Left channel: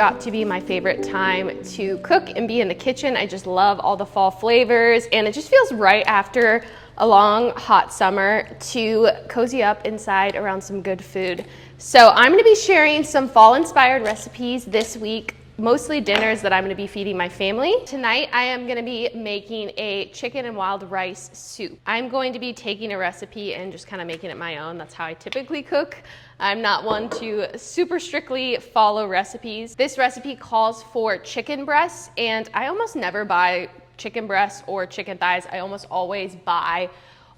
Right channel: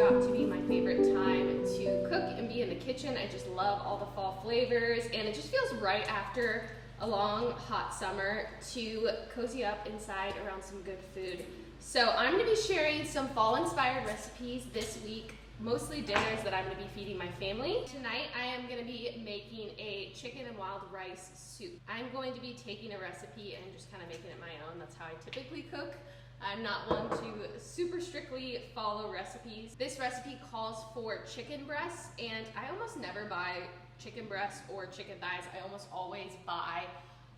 got to be my favorite time to cook and be in the kitchen. I just love all the fall flavors, and it just feels right after a long, hot summer to cozy up inside around some good food. So I'm gonna be sharing some fall-inspired recipes this week, mostly dinners that I'm gonna be feeding my family. Tonight, I am gonna be making a chicken and wild rice soup. I'm going to be taking a recipe and just kind of making it my own. That's how I typically cook. I'm not one to super strictly follow recipes. This recipe calls for chicken breasts, and I almost never buy chicken breasts or chicken thighs. I almost always buy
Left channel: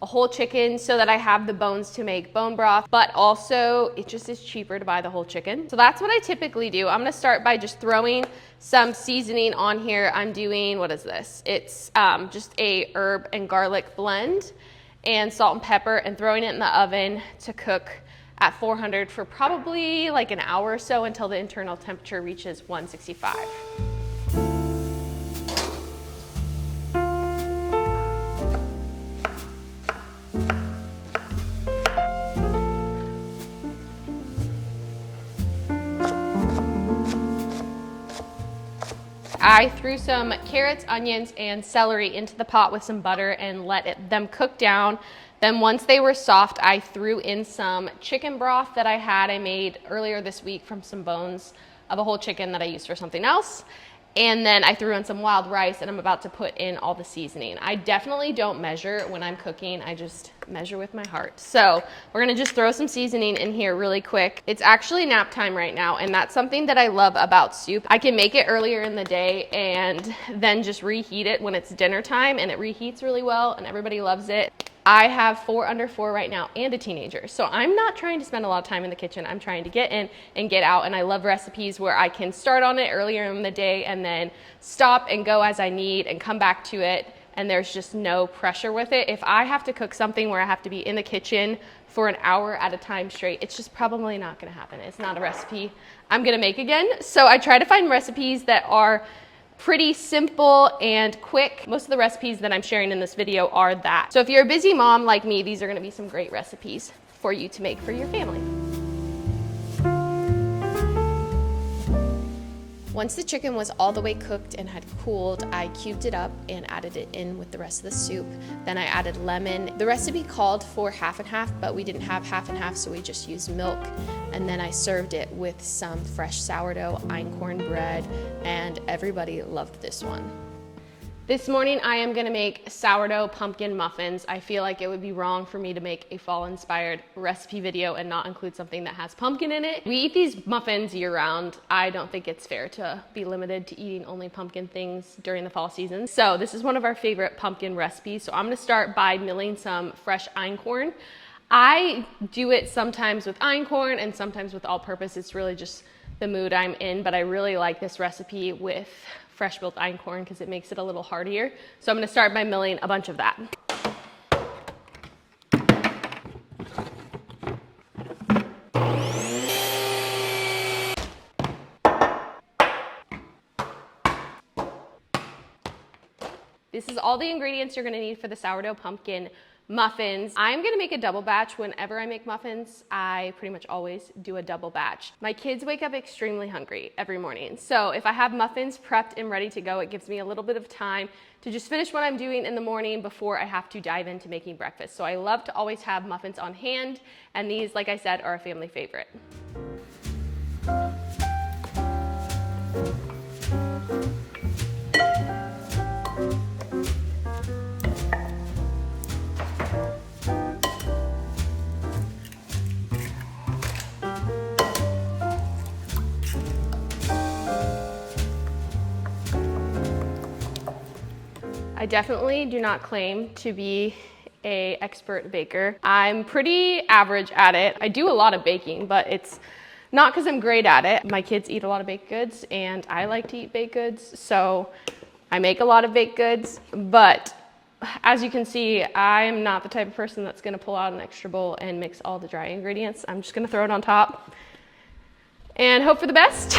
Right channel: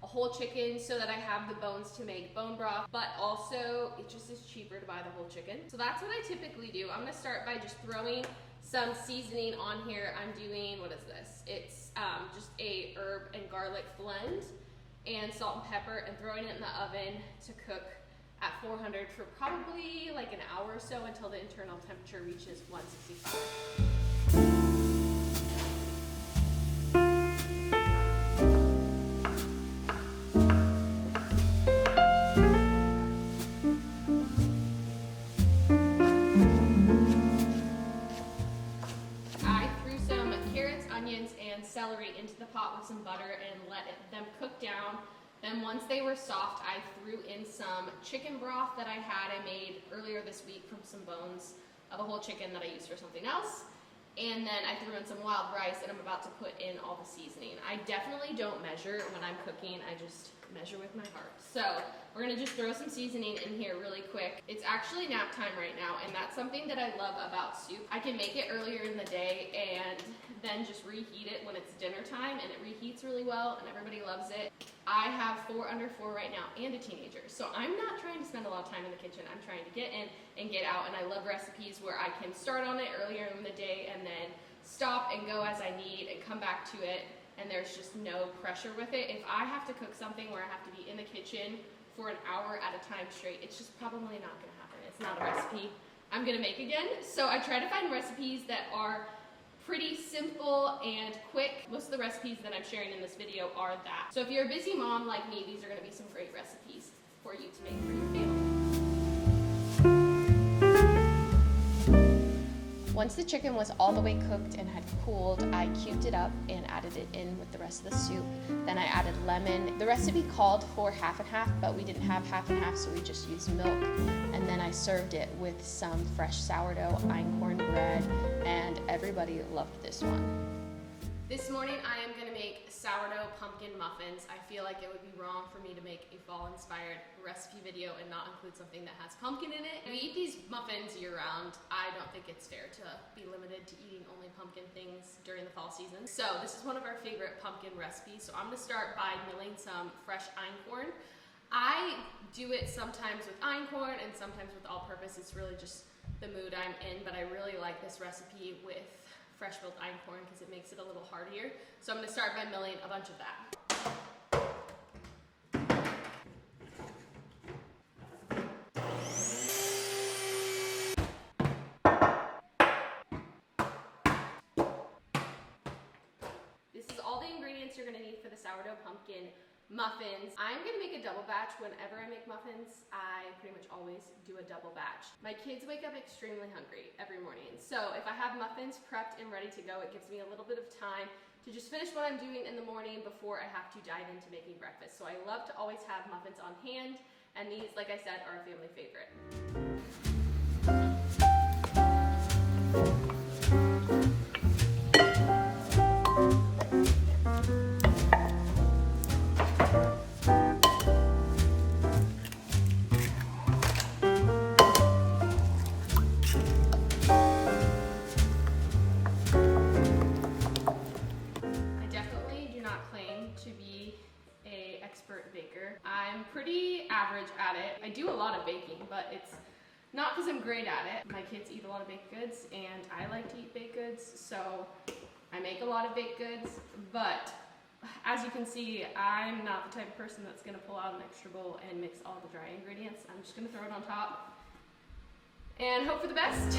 a whole chicken so that I have the bones to make bone broth, but also it just is cheaper to buy the whole chicken. So that's what I typically do. I'm gonna start by just throwing some seasoning on here. I'm doing, what is this? It's just a herb and garlic blend and salt and pepper, and throwing it in the oven to cook at 400 for probably like an hour or so until the internal temperature reaches 165. I threw some carrots, onions, and celery into the pot with some butter and let them cook down. Then once they were soft, I threw in some chicken broth that I made earlier this week from some bones of a whole chicken that I used for something else. And then I threw in some wild rice, and I'm about to put in all the seasoning. I definitely don't measure when I'm cooking. I just measure with my heart. So we're gonna just throw some seasoning in here really quick. It's actually nap time right now, and that's something that I love about soup. I can make it earlier in the day and then just reheat it when it's dinner time, and it reheats really well and everybody loves it. I have 4 under 4 right now and a teenager. So I'm not trying to spend a lot of time in the kitchen. I'm trying to get in and get out, and I love recipes where I can start on it earlier in the day and then stop and go as I need and come back to it, and there's just no pressure with it. If I have to cook something where I have to be in the kitchen for an hour at a time straight, it's just probably not gonna happen. It's not a recipe I'm gonna make again. So I try to find recipes that are pretty simple and quick. Most of the recipes that I'm sharing in this video are that. So if you're a busy mom like me, these are gonna be some great recipes for you to make for your family. Once the chicken was all the way cooked and had cooled, I cubed it up and added it in with the rest of the soup. Then I added lemon. The recipe called for half and half, but we didn't have half and half, so we just used milk. And then I served it with some fresh sourdough einkorn bread, and everybody loved this one. This morning I am gonna make sourdough pumpkin muffins. I feel like it would be wrong for me to make a fall-inspired recipe video and not include something that has pumpkin in it. We eat these muffins year-round. I don't think it's fair to be limited to eating only pumpkin things during the fall season. So this is one of our favorite pumpkin recipes. So I'm gonna start by milling some fresh einkorn. I do it sometimes with einkorn and sometimes with all-purpose. It's really just the mood I'm in, but I really like this recipe with fresh built einkorn because it makes it a little heartier. So I'm gonna start by milling a bunch of that. This is all the ingredients you're gonna need for the sourdough pumpkin muffins. I'm gonna make a double batch. Whenever I make muffins, I pretty much always do a double batch. My kids wake up extremely hungry every morning. So if I have muffins prepped and ready to go, it gives me a little bit of time to just finish what I'm doing in the morning before I have to dive into making breakfast. So I love to always have muffins on hand, and these, like I said, are a family favorite. I definitely do not claim to be an expert baker. I'm pretty average at it. I do a lot of baking, but it's not because I'm great at it. My kids eat a lot of baked goods, and I like to eat baked goods, so I make a lot of baked goods. But as you can see, I'm not the type of person that's gonna pull out an extra bowl and mix all the dry ingredients. I'm just gonna throw it on top and hope for the best.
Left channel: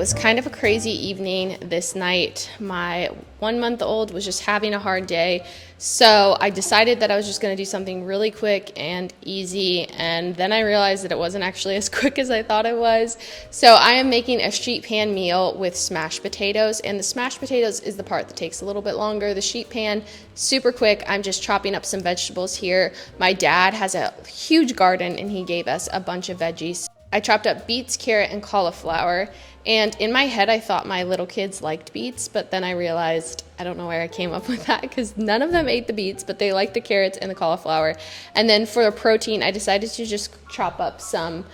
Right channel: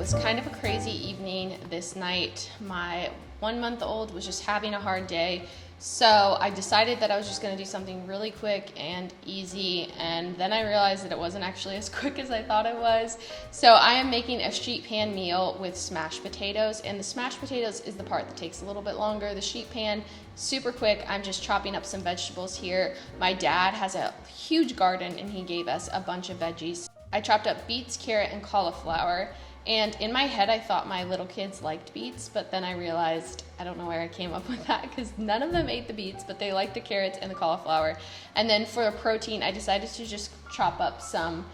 was kind of a crazy evening this night. My 1-month-old was just having a hard day, so I decided that I was just going to do something really quick and easy, and then I realized that it wasn't actually as quick as I thought it was. So I am making a sheet pan meal with smashed potatoes, and the smashed potatoes is the part that takes a little bit longer. The sheet pan, super quick. I'm just chopping up some vegetables here. My dad has a huge garden and he gave us a bunch of veggies. I chopped up beets, carrot, and cauliflower. And in my head, I thought my little kids liked beets, but then I realized, I don't know where I came up with that, because none of them ate the beets, but they liked the carrots and the cauliflower. And then for the protein, I decided to just chop up some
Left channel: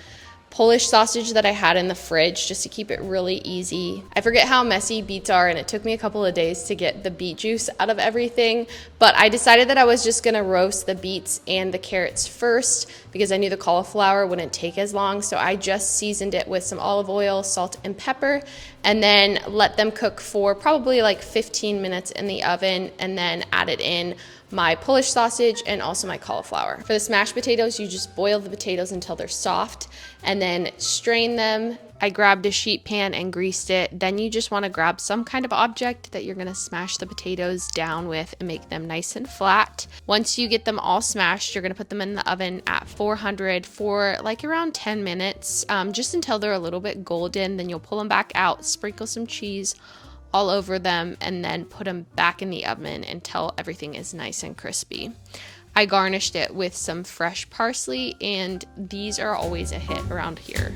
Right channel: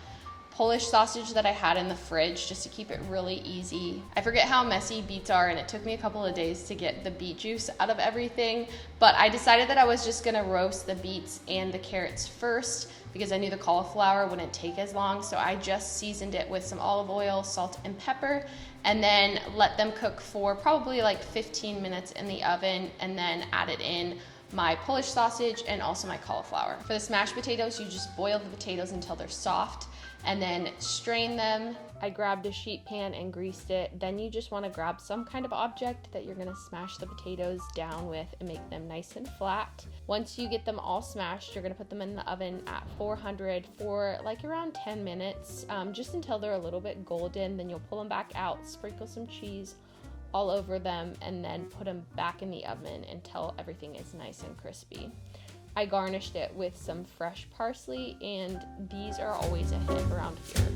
Polish sausage that I had in the fridge just to keep it really easy. I forget how messy beets are, and it took me a couple of days to get the beet juice out of everything, but I decided that I was just gonna roast the beets and the carrots first because I knew the cauliflower wouldn't take as long, so I just seasoned it with some olive oil, salt, and pepper, and then let them cook for probably like 15 minutes in the oven, and then added in my Polish sausage and also my cauliflower. For the smashed potatoes, you just boil the potatoes until they're soft and then strain them. I grabbed a sheet pan and greased it. Then you just want to grab some kind of object that you're going to smash the potatoes down with and make them nice and flat. Once you get them all smashed, you're going to put them in the oven at 400 for like around 10 minutes, just until they're a little bit golden. Then you'll pull them back out, sprinkle some cheese all over them, and then put them back in the oven until everything is nice and crispy. I garnished it with some fresh parsley, and these are always a hit around here.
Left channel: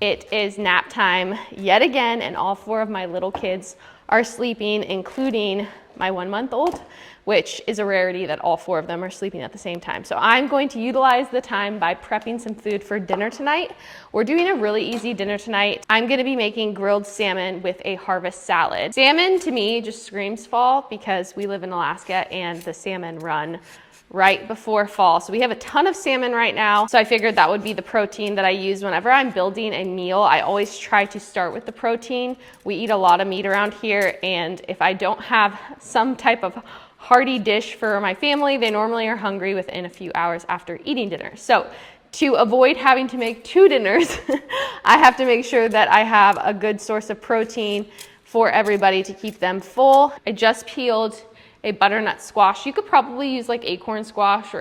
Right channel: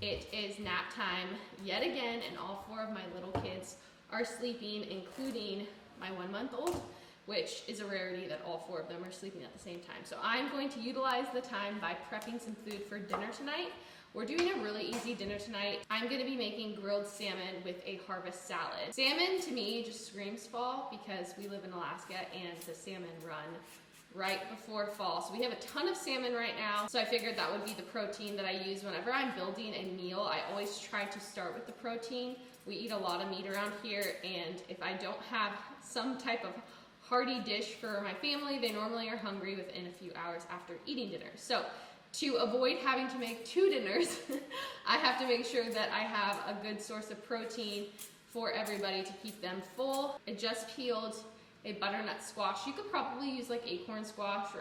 It is nap time yet again, and all 4 of my little kids are sleeping, including my 1-month-old, which is a rarity that all 4 of them are sleeping at the same time. So I'm going to utilize the time by prepping some food for dinner tonight. We're doing a really easy dinner tonight. I'm gonna be making grilled salmon with a harvest salad. Salmon to me just screams fall because we live in Alaska and the salmon run right before fall. So we have a ton of salmon right now. So I figured that would be the protein that I use whenever I'm building a meal. I always try to start with the protein. We eat a lot of meat around here, and if I don't have some type of hearty dish for my family, they normally are hungry within a few hours after eating dinner. So to avoid having to make 2 dinners, I have to make sure that I have a good source of protein for everybody to keep them full. I just peeled a butternut squash. You could probably use like acorn squash or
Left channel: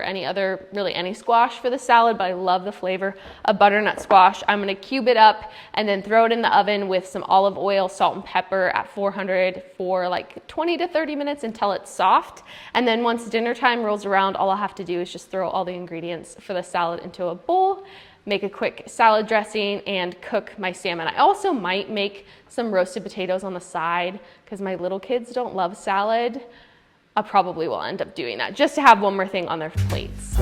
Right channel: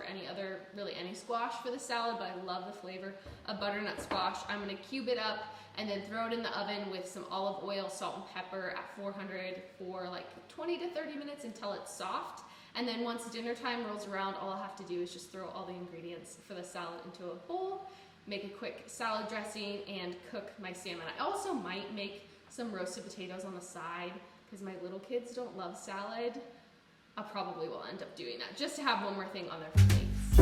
really any squash for the salad, but I love the flavor of butternut squash. I'm gonna cube it up and then throw it in the oven with some olive oil, salt, and pepper at 400 for like 20 to 30 minutes until it's soft. And then once dinner time rolls around, all I'll have to do is just throw all the ingredients for the salad into a bowl, make a quick salad dressing, and cook my salmon. I also might make some roasted potatoes on the side because my little kids don't love salad. I probably will end up doing that just to have one more thing on their plates.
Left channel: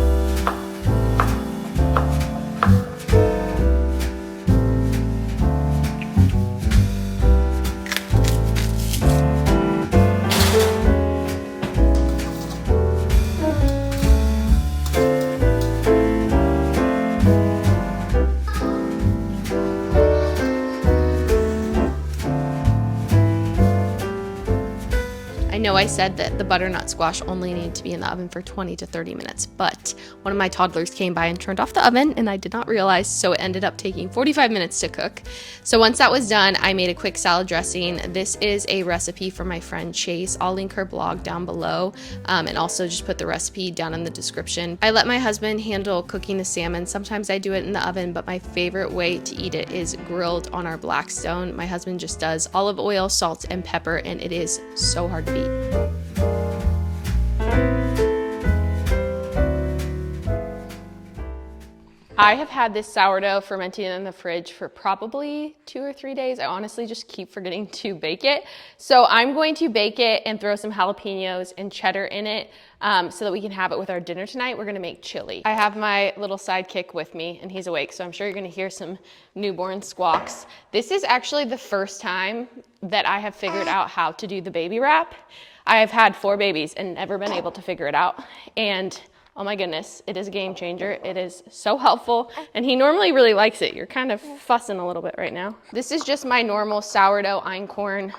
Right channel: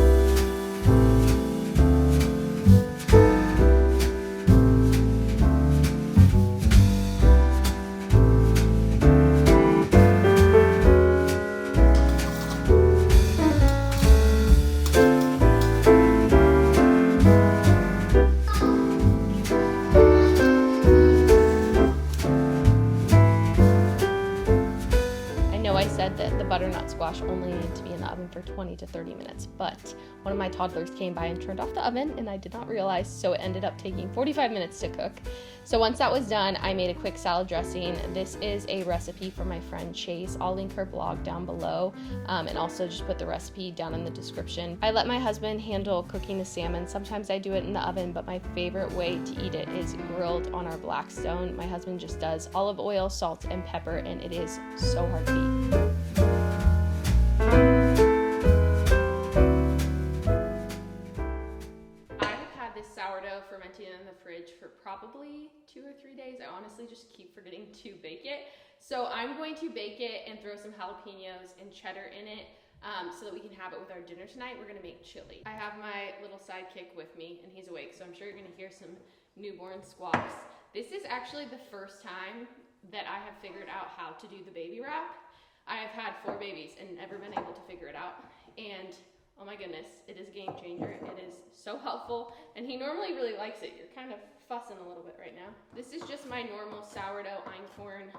I said that the butternut squash only needed to be in the oven for 20 to 30 minutes, but one of my toddlers came by and turned off the oven, and I did not realize, so it ended up taking 45 minutes to cook. So once that was done, I made a quick salad dressing. This is a recipe from my friend Chase. I'll link her blog down below, and also just put the recipe down in the description. I let my husband handle cooking the salmon. Sometimes I do it in the oven, but my favorite way to eat it is grilled on our Blackstone. My husband just does olive oil, salt, and pepper, and it is so hard to beat. I have had this sourdough fermenting in the fridge for probably 2 or 3 days. I honestly just keep forgetting to bake it. So I'm going to bake it and throw some jalapenos and cheddar in it so that we can have it with our dinner tonight. We're gonna make chili. I have my little sidekick with me and he's awake, so I'm sure you're gonna hear some newborn squawks. This is actually the first time that I have figured out how to do the baby wrap. I have had 4 babies and never been able to figure it out. And oh my goodness, it is a game changer. It is so helpful. And he normally really likes it. You're kind of fussing a little bit right now. This is just my normal sourdough einkorn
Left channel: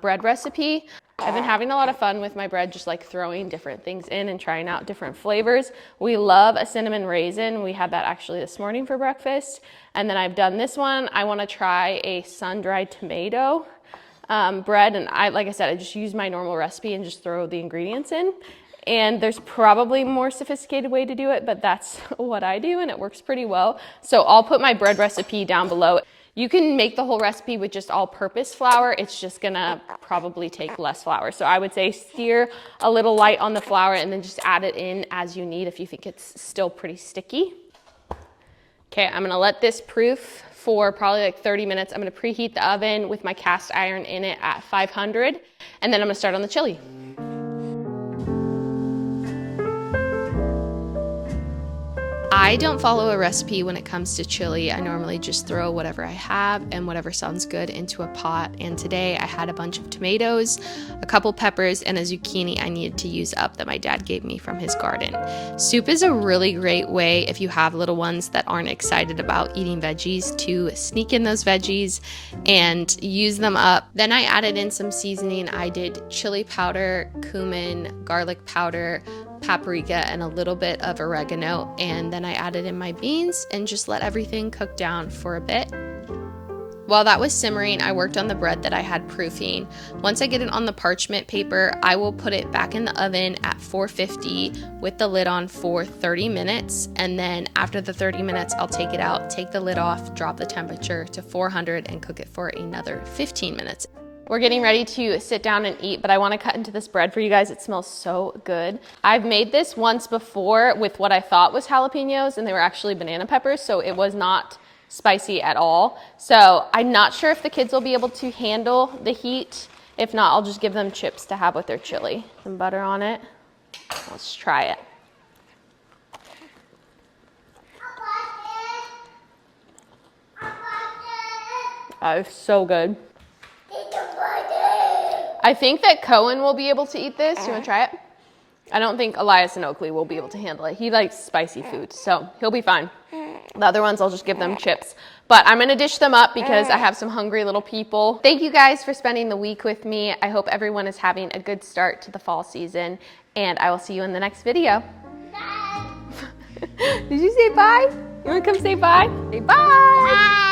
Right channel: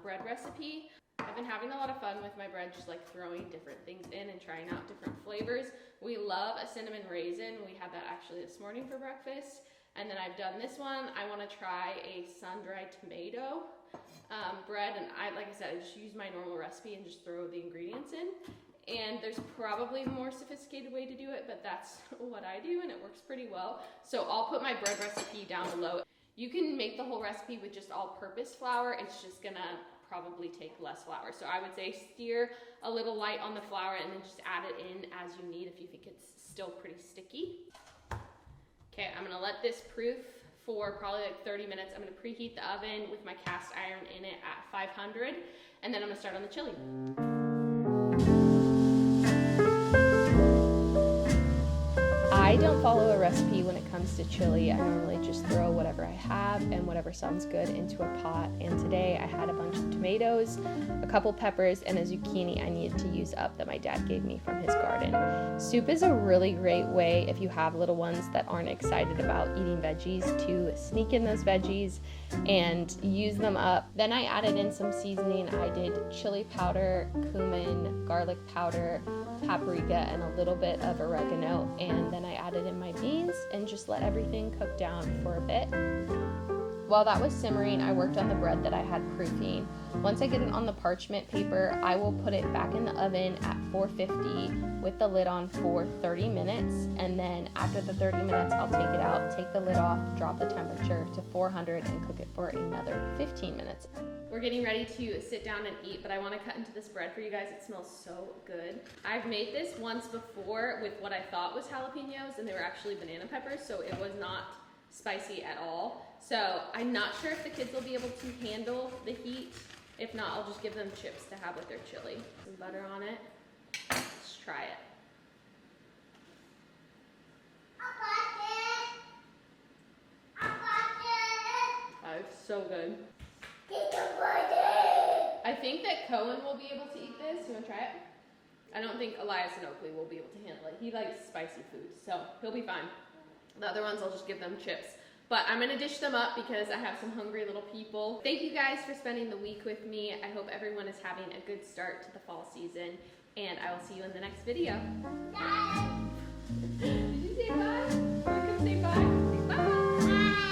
bread recipe. I've been having a lot of fun with my bread, just like throwing different things in and trying out different flavors. We love a cinnamon raisin. We had that actually this morning for breakfast. And then I've done this one. I want to try a sun-dried tomato bread. And like I said, I just use my normal recipe and just throw the ingredients in. And there's probably a more sophisticated way to do it, but that's what I do and it works pretty well. So I'll put my bread recipe down below. You can make the whole recipe with just all-purpose flour. It's just gonna probably take less flour. So I would say steer a little light on the flour and then just add it in as you need if you think it's still pretty sticky. Okay, I'm gonna let this proof for probably like 30 minutes. I'm gonna preheat the oven with my cast iron in it at 500, and then I'm gonna start on the chili. I don't follow a recipe when it comes to chili. I normally just throw whatever I have and whatever sounds good into a pot. And today I had a bunch of tomatoes, a couple peppers, and a zucchini I needed to use up that my dad gave me from his garden. Soup is a really great way if you have little ones that aren't excited about eating veggies to sneak in those veggies and use them up. Then I added in some seasoning. I did chili powder, cumin, garlic powder, paprika, and a little bit of oregano, and then I added in my beans and just let everything cook down for a bit. While that was simmering, I worked on the bread that I had proofing. Once I get it on the parchment paper, I will put it back in the oven at 450 with the lid on for 30 minutes, and then after the 30 minutes, I'll take it out, take the lid off, drop the temperature to 400, and cook it for another 15 minutes. We're getting ready to sit down and eat, but I want to cut into this bread for you guys. It smells so good. I've made this once before with what I thought was jalapenos, and they were actually banana peppers, so it was not spicy at all. So I'm not sure if the kids will be able to handle the heat. If not, I'll just give them chips to have with their chili. Some butter on it. Let's try it. It's so good. I think that Cohen will be able to eat this. You want to try it? I don't think Elias and Oakley will be able to handle it. He likes spicy food, so he'll be fine. The other ones, I'll just give them chips. But I'm going to dish them up because I have some hungry little people. Thank you guys for spending the week with me. I hope everyone is having a good start to the fall season, and I will see you in the next video. Bye. Did you say bye? You want to come say bye? Say bye. Bye.